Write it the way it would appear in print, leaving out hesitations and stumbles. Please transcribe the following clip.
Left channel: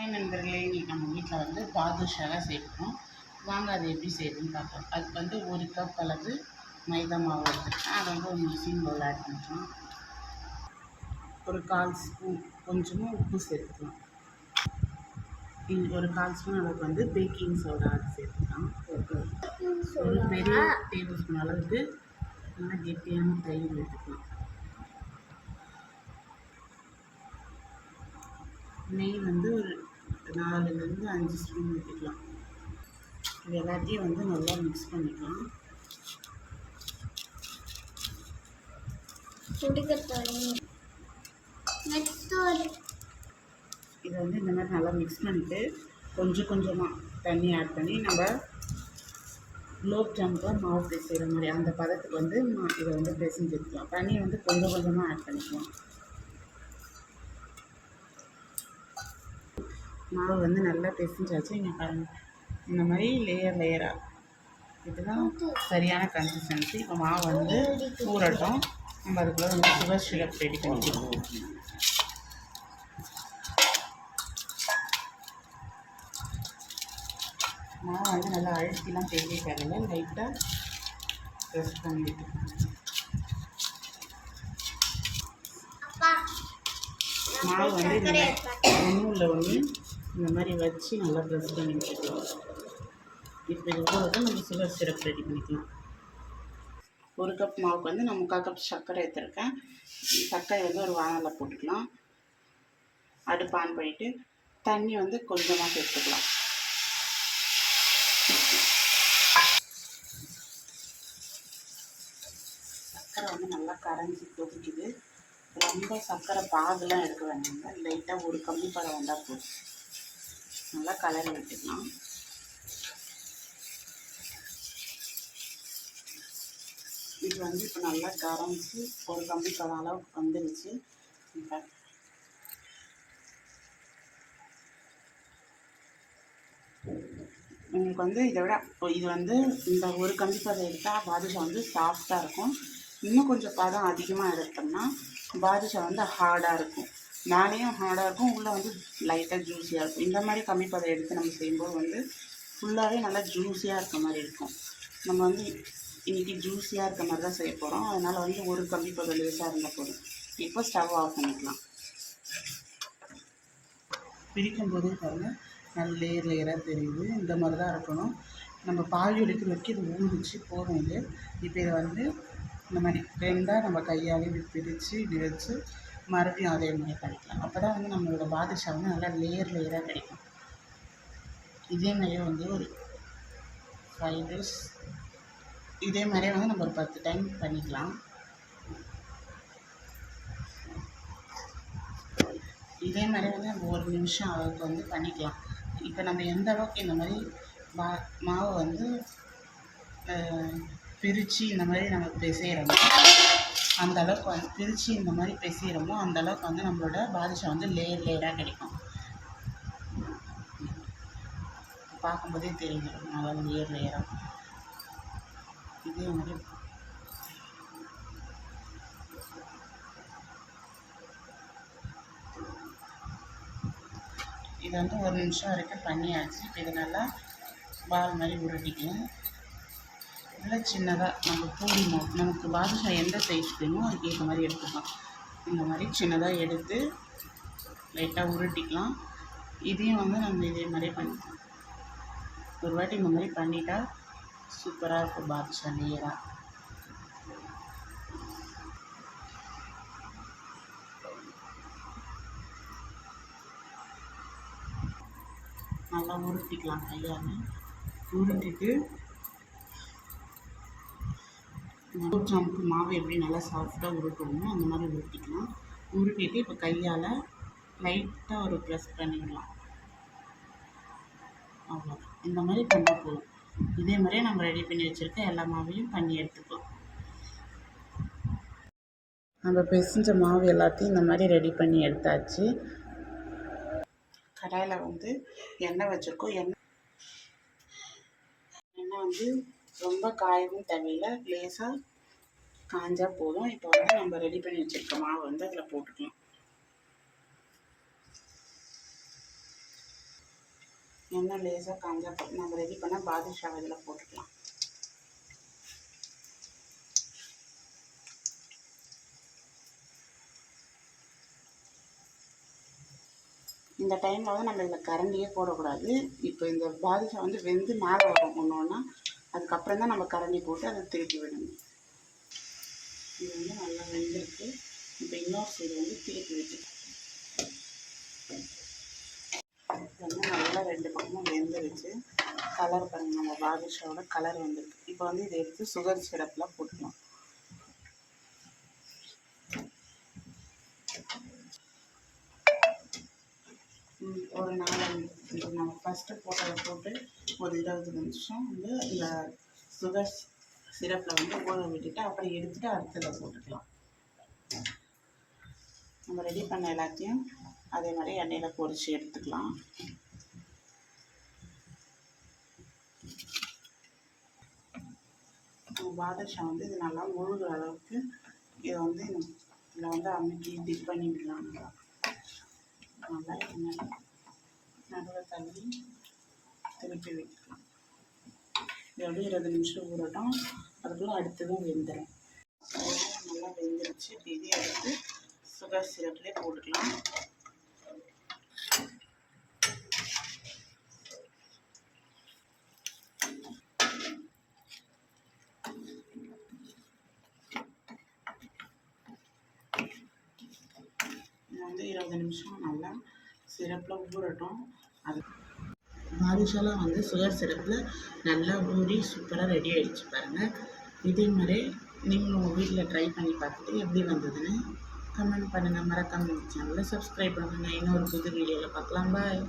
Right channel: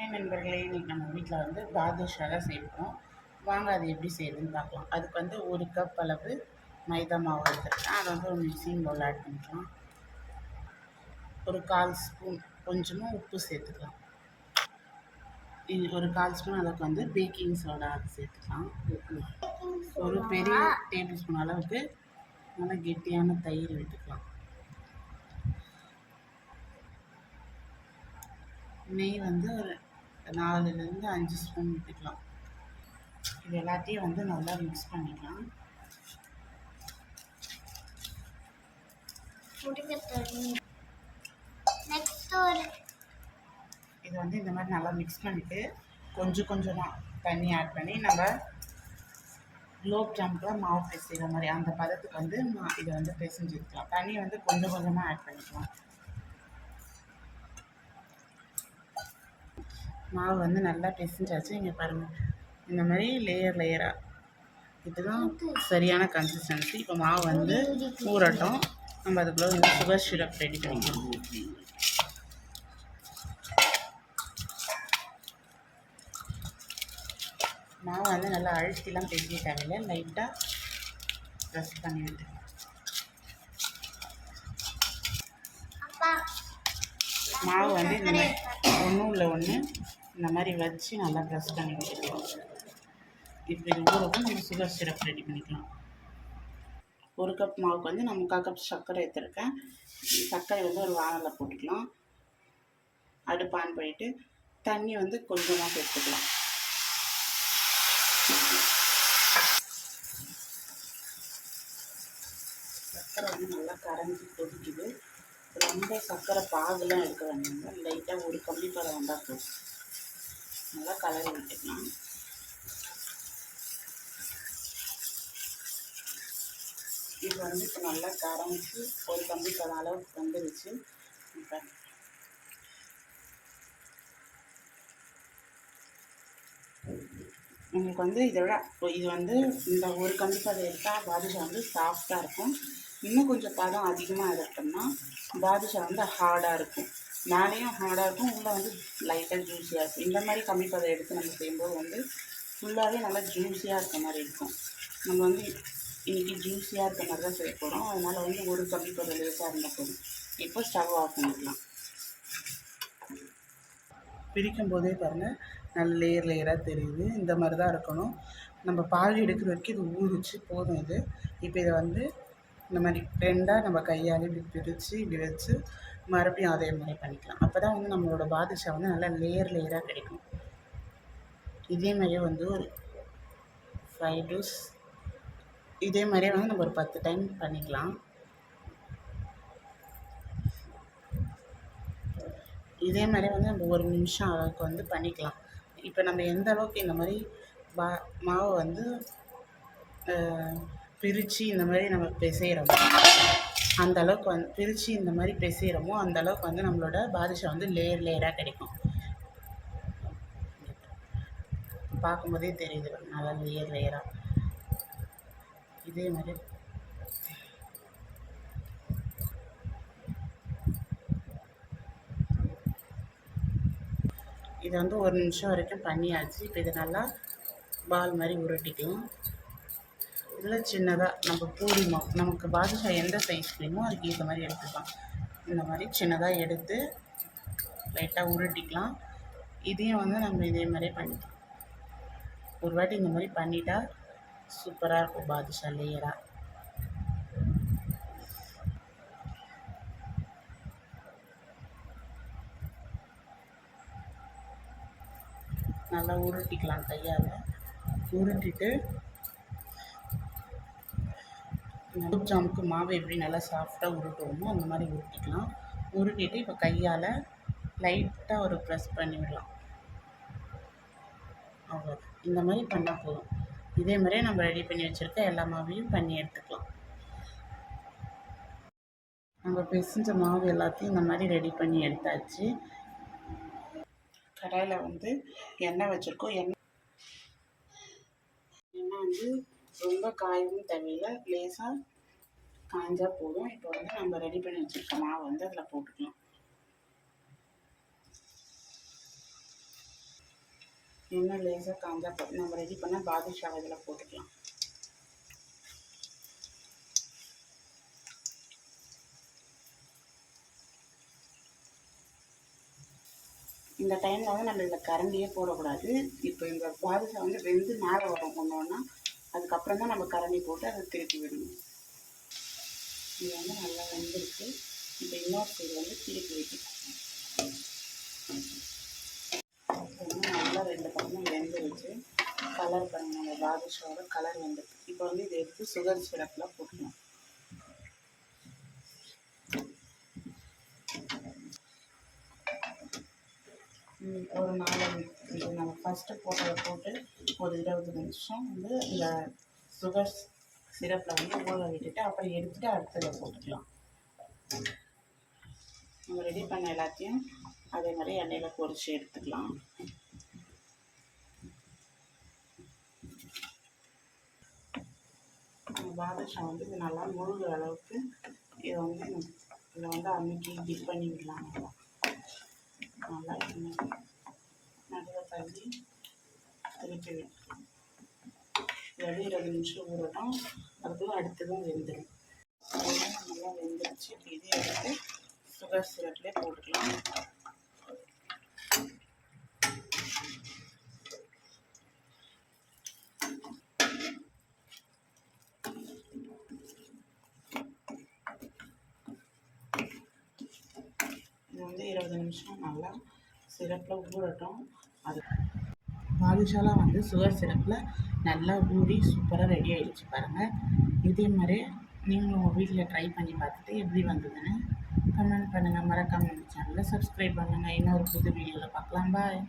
நண்பர்களே, இன்றைக்கி நம்ம வீட்டில் வந்து பாதுஷாவை செய்யணும். வாங்க அது எப்படி செய்யுதுன்னு பார்க்கலாம். அதுக்கு வந்து 1 கப் அளவு மைதா மாவு எடுத்துருக்கேன். அதை வந்து ஒரு மிக்சிங் பவுல் ஆட் பண்ணிக்கலாம். ஒரு 1/4 ஸ்பூன் கொஞ்சமாக உப்பு சேர்த்துக்கலாம். இது ஒரு 1/4 ஸ்பூன் அளவுக்கு வந்து பேக்கிங் சோடா சேர்த்துக்கலாம். ஒரு பெரிய டேபிள் ஸ்பூன் அளவுக்கு நல்லா கெட்டியான தயிர் விட்டுக்கலாம். நெய் வந்து ஒரு 4லேருந்து 5 ஸ்பூன் விட்டுக்கலாம். இது எல்லாத்தையும் வந்து நல்லா மிக்ஸ் பண்ணிக்கலாம். இதை வந்து இந்த மாதிரி நல்லா மிக்ஸ் பண்ணிவிட்டு கொஞ்சம் கொஞ்சமாக தண்ணி ஆட் பண்ணி நம்ம குலோப் ஜாமுக்கு மாவு பிசைகிற மாதிரி அந்த பதத்துக்கு வந்து இதை வந்து பிசைஞ்சிருக்கலாம். தண்ணி வந்து கொஞ்சம் கொஞ்சமாக ஆட் பண்ணிக்கலாம். மாவு வந்து நல்லா பிசைஞ்சாச்சு. இங்கே பாருங்கள், இந்த மாதிரி லேயராக இதுதான் சரியான கன்சிஸ்டன்சி. இப்போ மாவு வந்து ஊறட்டும். நம்ம அதுக்குள்ளே வந்து சுகர் சிரப் ரெடி பண்ணிக்கலாம். மாவு வந்து நல்லா அழுத்திலாம் பேசி தேவையில்லை, லைட்டாக ப்ரெஸ் பண்ணி விட்டுக்கலாம். மாவு வந்து இந்த மாதிரி ஒன்றும் ஒன்று இந்த மாதிரி வச்சு நல்லா ப்ரெஸ் பண்ணி வச்சுக்கலாம். இப்போ இது ஊருக்கு நம்ம சுகர் சிரப் ரெடி பண்ணிக்கலாம். 1 கப் மாவுக்கு வந்து நான் 3/4 கப் சர்க்கரை எடுத்துருக்கேன். சர்க்கரை வந்து ஒரு வானலில் போட்டுக்கலாம். அடுப்பு ஆன் பண்ணிவிட்டு தண்ணி வந்து கொஞ்சமாக சேர்த்துக்கலாம். சர்க்கரை வந்து நல்லா கரைஞ்சி கொதிக்குது. ரொம்ப சர்க்கரை பாகுலாம் எடுக்க வேண்டாங்க, லைட்டாக ஒரு கம்பி பதம் வந்தால் போதும். நல்லா கலரி விட்டுக்கலாம். இது வந்து இப்போ நல்லா கரைஞ்சி ஒரு கம்பி பதம் அளவுக்கு வந்துருச்சு. இப்போ உங்களுக்கு வந்து இதை விட இது வந்து இந்த ஒரு கம்பி பதம் எடுத்தால் பாதுஷா வந்து சாஃப்டாக இருக்கும். இன்னும் கொஞ்சம் பதம் அதிகமாக எடுத்தோம்னா பாதுஷா வந்து ஹார்டாக இருக்கும். மேலேயும் ஹார்டாக இருக்கும், உள்ளே வந்து லைட்டாக ஜூஸியாக இருக்கும். இந்த மாதிரி கம்மி பதம் எடுத்து நம்ம செய்யும்போது வந்து ஃபுல்லாகவே நல்லா ஜூஸியாக இருக்க மாதிரி இருக்கும். நம்ம வந்து இன்றைக்கி ஜூஸியாக இருக்க மாதிரி தான் செய்ய போகிறோம். அதனால் வந்து ஒரு கம்பி பதம் லேசாக இருந்தால் போதும். இப்போ ஸ்டவ் ஆஃப் பண்ணிக்கலாம். பிரிக்கும் போதே பாருங்கள், நல்ல லேயராக தெரியுது. இந்த மாதிரி தான் இருக்கணும். நம்ம பால் எடுக்கிற வரைக்கும் இது ஊறிச்சு போதும். இது இப்போ இதை வந்து இந்த மாதிரி 2ஆக நம்ம கையால் இப்படி பிரித்து இப்படி வச்சு மறுபடியும் அதே மாதிரி பண்ணிக்கலாம். அப்போ தான் வந்து நம்மளோட பாதுஷா வந்து நல்லா லேயராக கிடைக்கும். இதே மாதிரியே வந்து ஒரு 5 days இதே மாதிரியே வந்து நம்ம ஒரு 10 டைம் பண்ணிக்கலாம். இதே மாதிரியே வந்து நம்ம 1 நிமிஷம் அளவுக்கு வந்து பண்ணிக்கலாம். இப்போ நம்ம எந்த அளவுக்கு இந்த மாதிரி மாவு வந்து பிரித்து இந்த மாதிரி நம்ம பிசைகிறோமோ அந்த அளவுக்கு வந்து பிரித்து இந்த மாதிரி பிசைகிறோமோ அந்த அளவுக்கு வந்து நம்மளோட பாதுஷா வந்து லேயராக கிடைக்கும். பார்க்கும்போதே தெரியுது நல்லா லேயராக. இதே மாதிரி இதை வந்து 1 நிமிஷம் வரைக்கும் பண்ணியாச்சு. இப்போ இதை நல்லா பால் மாதிரி உருட்டிக்கலாம். இதில் சின்னதாக நம்ம பூரி மாவு நமக்கு பாதுஷா எந்த சைஸ் வேணுமோ அதுக்கு ஏற்ற மாதிரி எடுத்துக்கலாம். இந்த மாதிரி சின்னதாக எடுத்து லைட்டாக உருட்டிக்கலாம். இதையும் வந்து நம்ம இதே மாதிரியே பண்ணிக்கலாம். ஒரு வாட்டி இந்த மாதிரி பண்ணிட்டா சூப்பராக இருக்கும் பாதுஷா லேயராக. நல்லா உருட்டிக்கலாம். கையால் உருட்டிட்டு குலோப் ஜாமுக்கு மாவு எப்படி நல்லா சாஃப்டாக உருட்டுவோமோ அந்த மாதிரி உருட்டிக்கலாம். உருட்டிட்டு இப்போ கையால் லைட்டாக ஒரு ப்ரெஸ் பண்ணிவிடலாம். அவ்வளோதான். இந்த மாதிரி பண்ணால் போதும். இதே மாதிரியே நம்ம ரெடி பண்ணி வச்சுருக்க எல்லா மாவையும் பண்ணி எடுத்துக்கலாம். நம்ம பிசைஞ்ச மாவு எல்லாத்தையும் இந்த மாதிரி ரெடி பண்ணி எடுத்தாச்சு. கடாயில் வந்து எண்ணெய் வச்சுருக்கோம். எண்ணெய் வந்து ரொம்ப காயவும் தேவையில்லை, லேசாக காஞ்சால் போதும். இப்போ வந்து நம்ம ரெடி பண்ணி வச்சுருக்க மாவு வந்து அதில் போட்டுக்கலாம். எண்ணெய் லேசாக காஞ்சா நம்ம ரெடி பண்ண பாதுஷாவை இதில் போட்டுக்கலாம். இந்த டைமில் வந்து நம்ம இதில் கரண்டியே போடக்கூடாது. இப்போ இந்த பாதுஷா வந்து வெந்து மேலே வரும் ஒன்று ஒன்றா, அதுக்கப்புறம் தான் நம்ம கரண்டி போட்டு அதை திருப்பி விடணும். இது வந்து நல்லா வெந்திருக்கு. இப்போ இன்னொரு சைடு வந்து திருப்பி வைக்கணும். வந்து நல்லா 2 பக்கமும் வெந்துருச்சு. கலர் பாருங்கள், நம்ம பாதுஷாவோட கலர் வந்துருக்கு. இப்போ வந்து இதை எடுத்து சுகர் சிரப்பில் போட்டுக்கலாம். ஒரு 4 நம்ம ஃபஸ்ட்டு போட்டதை போட்டு ஒரு 20 நிமிஷம் வந்து இந்த சுகர் சிரப்பில் வந்து ஊற விட்டுட்டு அப்புறம் எடுத்துகிட்டு அடுத்ததை போட்டுக்கலாம். நம்ம ரெடி பண்ண எல்லாத்தையும் அதே மாதிரி எண்ணெயில் பொரித்து எடுத்துக்கலாம். பாதுஷா வந்து இது நல்லா முழுகிற அளவுக்கு இதை வந்து இதில் வந்து அமுக்கி டிப் பண்ணி விடலாம். நல்லா நடுவில் தள்ளி திருப்பி விட்டுக்கலாம். இது அப்படியே 20 நிமிஷம் ஊறட்டும். அதுக்குள்ளே அடுத்ததும் வெந்துடும். நல்லா வெந்துருச்சு. இப்போ இதே எடுத்து சுகர் சிரப்லேயே போட்டுக்கலாம். இது வந்து 20 நிமிஷம் நல்லா சிரப்பில் ஊறட்டும். அது பாதுஷாலாம் வந்து சுகர் சிரப்பில் நல்லா ஊறி சூப்பராக ரெடி ஆகிடுச்சு பாருங்கள். இதே மாதிரி நீங்களும் உங்கள் வீட்டில் ட்ரை பண்ணி பார்த்துட்டு எப்படி வந்ததுன்னு கமெண்ட் பண்ணுங்கள். மறக்காமல் சேனலை சப்ஸ்கிரைப் பண்ணுங்கள். இன்னொரு புது வீடியோவில் பார்க்கலாம். பாய்.